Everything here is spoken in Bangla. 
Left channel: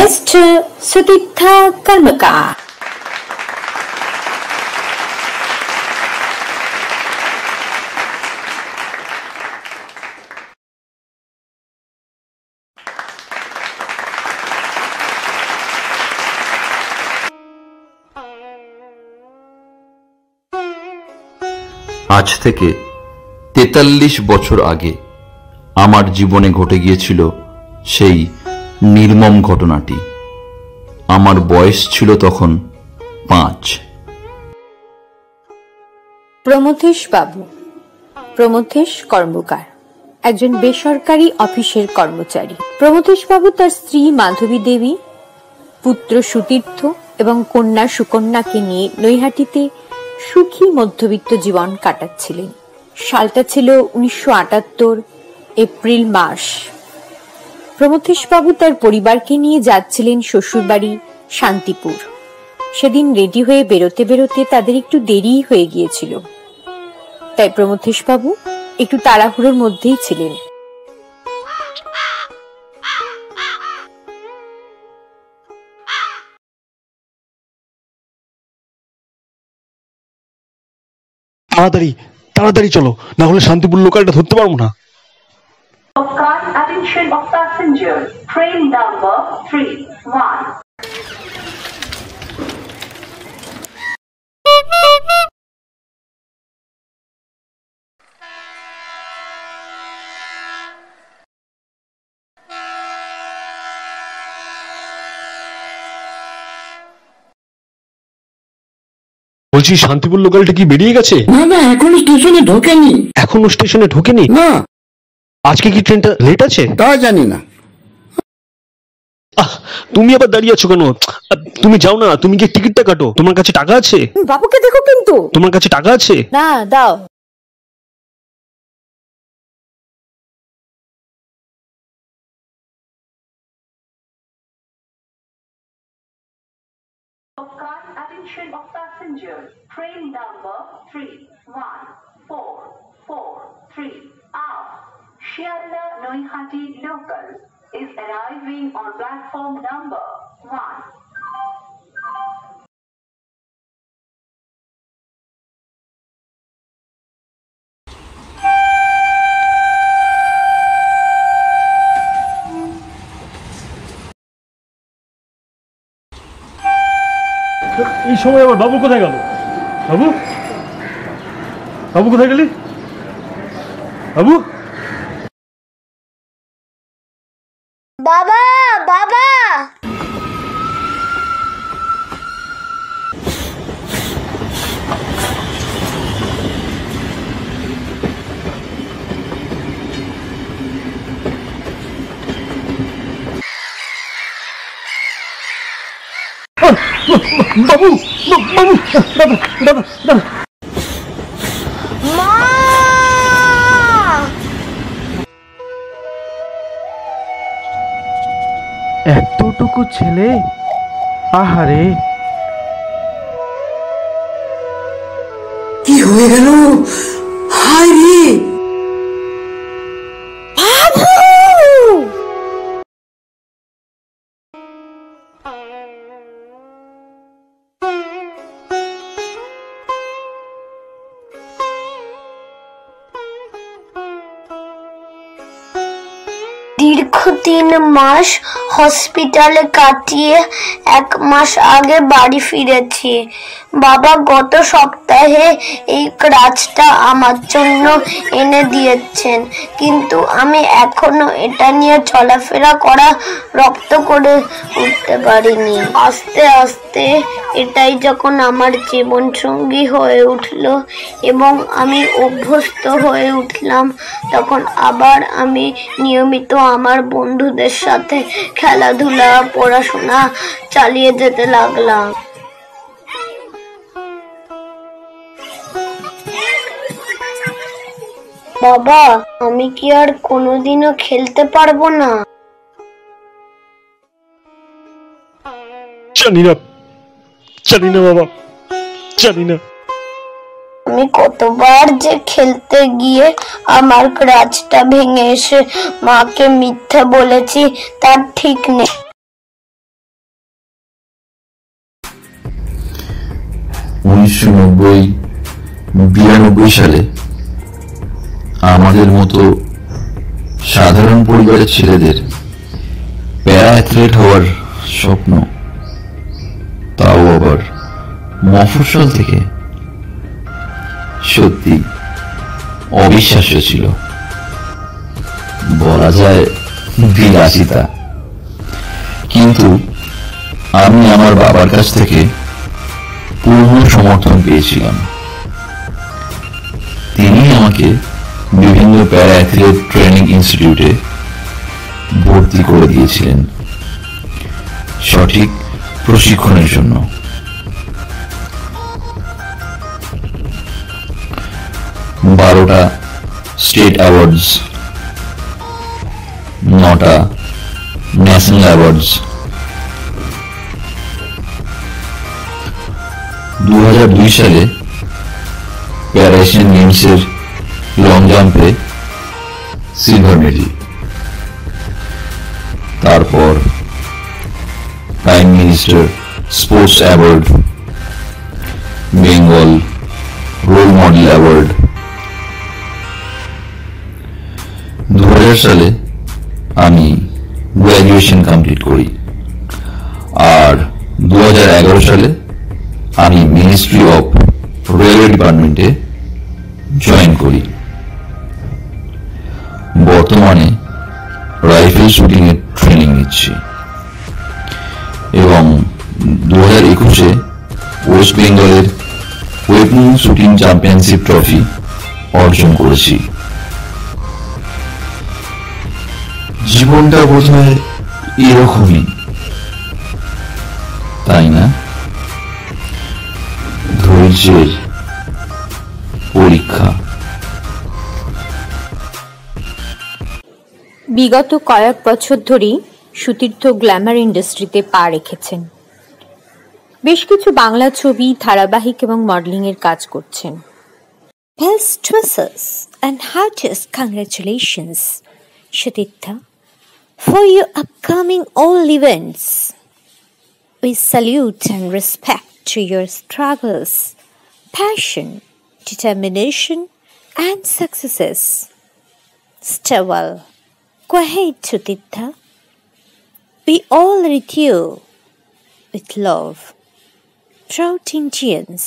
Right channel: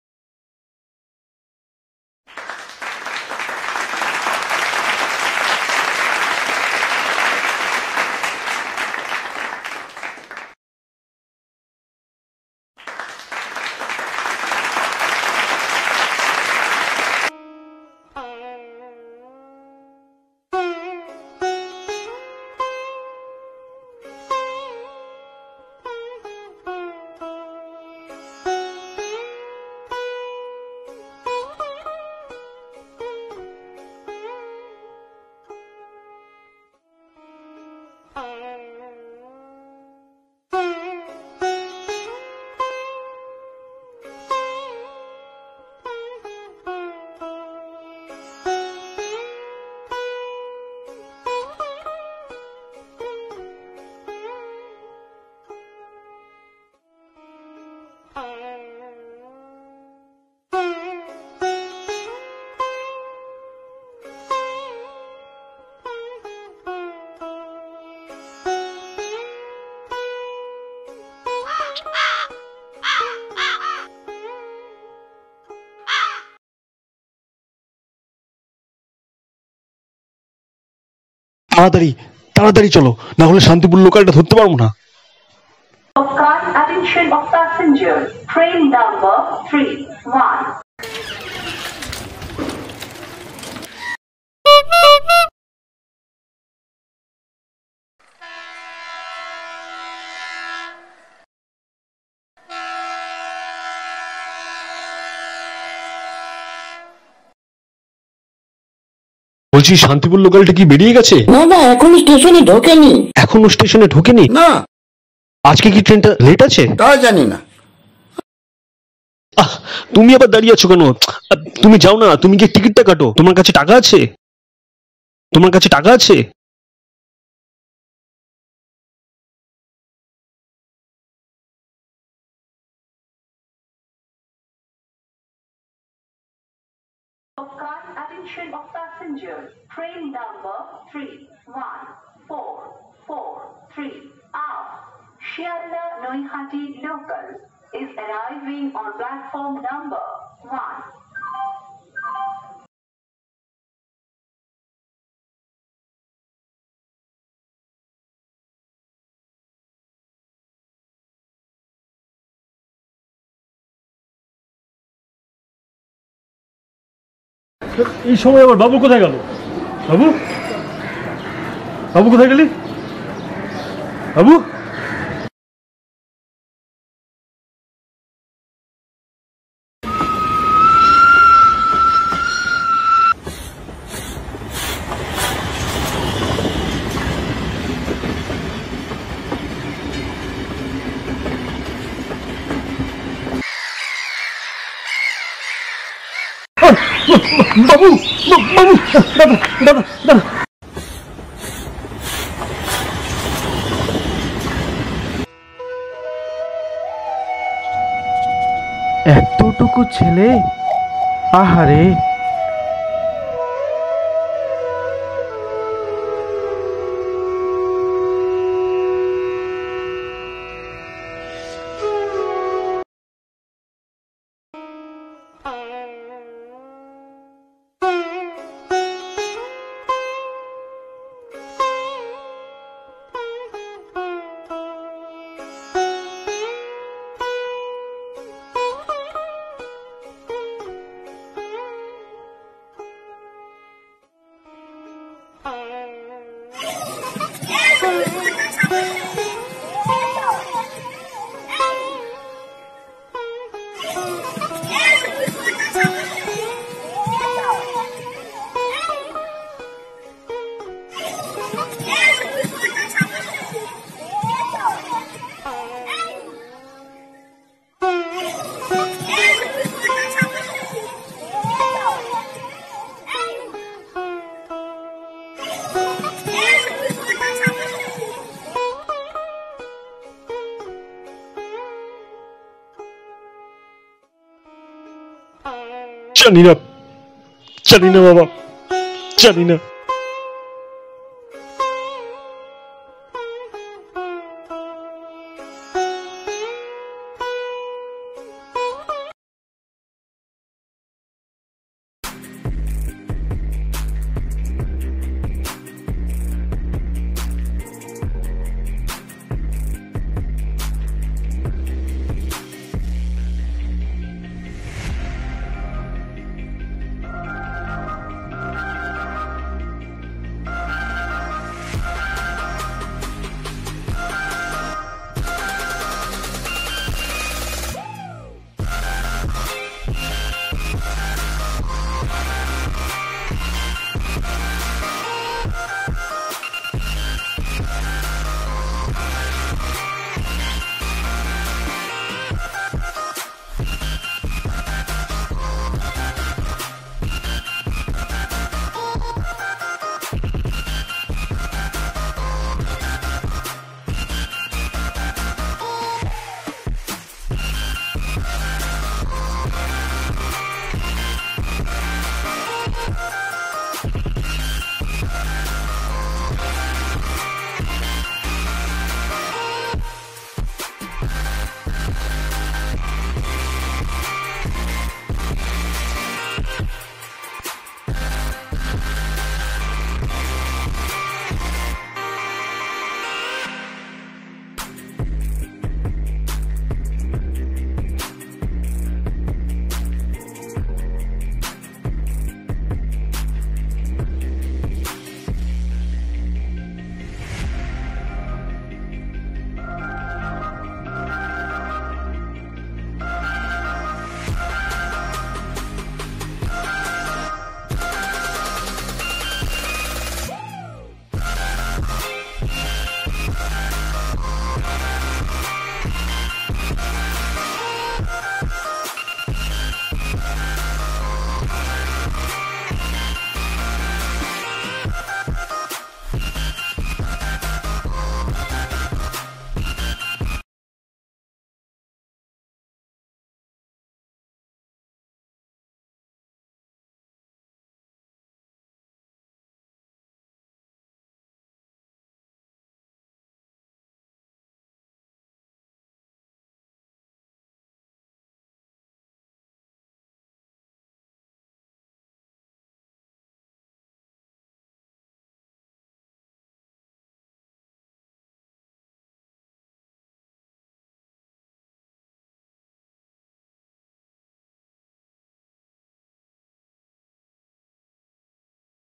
Mr. Sudipta Karmakar. আজ থেকে 43 বছর আগে আমার জীবনে ঘটে গিয়েছিল সেই নির্মম ঘটনাটি। আমার বয়স ছিল তখন 5। প্রমথেশ বাবু, প্রমথেশ কর্মকার একজন বেসরকারি অফিসের কর্মচারী। প্রমথেশ বাবু তার স্ত্রী মাধবী দেবী, পুত্র সুতীর্থ এবং কন্যা সুকন্যাকে নিয়ে নৈহাটিতে সুখী মধ্যবিত্ত জীবন কাটাচ্ছিলেন। সালটা ছিল 1978 এপ্রিল মাস। প্রমথেশ বাবু তার পরিবারকে নিয়ে যাচ্ছিলেন শ্বশুরবাড়ি শান্তিপুর। সেদিন রেডি হয়ে বেরোতে বেরোতে তাদের একটু দেরি হয়ে গিয়েছিল, তাই প্রমথেশ বাবু একটু তাড়াহুড়োর মধ্যেই ছিলেন। তাড়াতাড়ি তাড়াতাড়ি চলো, না হলে শান্তিপুর লোকালটা ধরতে পারবো না। Attention of passengers, train number 31. বলছি শান্তিপুর লোকালটা কি বেরিয়ে গেছে? না না, এখনো স্টেশনে ঢোকেনি। এখনো স্টেশনে ঢোকেনি? না। আজকে কি ট্রেনটা লেট আছে? তা জানি না। তুমি আবার দাঁড়িয়ে আছো কেন? তুমি যাও না, তুমি কি টিকিটটা কাটো। তোমার কাছে টাকা আছে? বাবুকে দেখো কিন্তু। তোমার কাছে টাকা আছে? না, দাও। Attention of passengers, train number 314443 out. Shialda Noihati local is arriving on platform number 1. এই সময় আবার বাবু কোথায় গেল? বাবু, বাবু কোথায় গেলি? বাবু, বাবা বাবা, বাবু, বাবু, দাদা দাদা দাদা। এতটুকু ছেলে, আহারে কি হয়ে গেল? হায় রে দীর্ঘ 3 মাস হসপিটালে কাটিয়ে 1 মাস আগে বাড়ি ফিরেছি। বাবা গত সপ্তাহে এই ক্রাচটা আমার জন্য এনে দিয়েছেন, কিন্তু আমি এখনো এটা নিয়ে চলাফেরা করা রপ্ত করে উঠতে পারিনি। আস্তে আস্তে এটাই যখন আমার জীবন সঙ্গী হয়ে উঠলো এবং আমি অভ্যস্ত হয়ে উঠলাম, তখন আবার আমি নিয়মিত আমার বন্ধুদের সাথে খেলাধুলা, পড়াশোনা চালিয়ে যেতে লাগলাম। বাবা, আমি কি আর কোনোদিনও খেলতে পারবো না? জানি না, জানি না বাবা, জানি না। আমি কতবার যে খেলতে গিয়ে আমার ক্রাচটা ভেঙে এসে মাকে মিথ্যে বলেছি তার ঠিক নেই। 1992 সালে আমাদের মতো সাধারণ পরিবারের ছেলেদের প্যারা অ্যাথলেট হওয়ার স্বপ্ন, তাও আবার মফস্বল থেকে, সত্যি অবিশ্বাস্য ছিল। বলা যায় বিলাসিতা। কিন্তু আমি আমার বাবার কাছ থেকে পূর্ণ সমর্থন পেয়েছিলাম। তিনি আমাকে বিভিন্ন প্যারা অ্যাথলেট ট্রেনিং ইনস্টিটিউটে ভর্তি করে দিয়েছিলেন সঠিক প্রশিক্ষণের জন্য। বারোটা স্টেট অ্যাওয়ার্ডস, 9টা ন্যাশনাল অ্যাওয়ার্ডস, 2002 সালে প্যারা এশিয়ান গেমসের লং জাম্পে সিলভার মেডেল। তারপর prime minister sports award, Bengal role model award. 2000 সালে আমি গ্র্যাজুয়েশন কমপ্লিট করি, আর 2011 সালে আমি মিনিস্ট্রি অফ রেলওয়ে ডিপার্টমেন্টে জয়েন করি। বর্তমানে রাইফেল শুটিং এর ট্রেনিং নিচ্ছি এবং 2021-এ ওয়েস্ট বেঙ্গলের ওয়েপন শুটিং চ্যাম্পিয়নশিপ ট্রফি অর্জন করেছি। জীবনটা বোধহয় এরকমই, তাই না? ধৈর্যের পরীক্ষা। বিগত কয়েক বছর ধরেই সুতীর্থ গ্ল্যামার ইন্ডাস্ট্রিতে পা রেখেছেন। বেশ কিছু বাংলা ছবি, ধারাবাহিক এবং মডেলিং এর কাজ করছেন। Best wishes and heartiest congratulations, Shutirtha, for your upcoming all events. We salute and respect to your struggles, passion, determination, and successes. Stay well. Go ahead, Shutirtha. We all greet you with love. Proud Indians.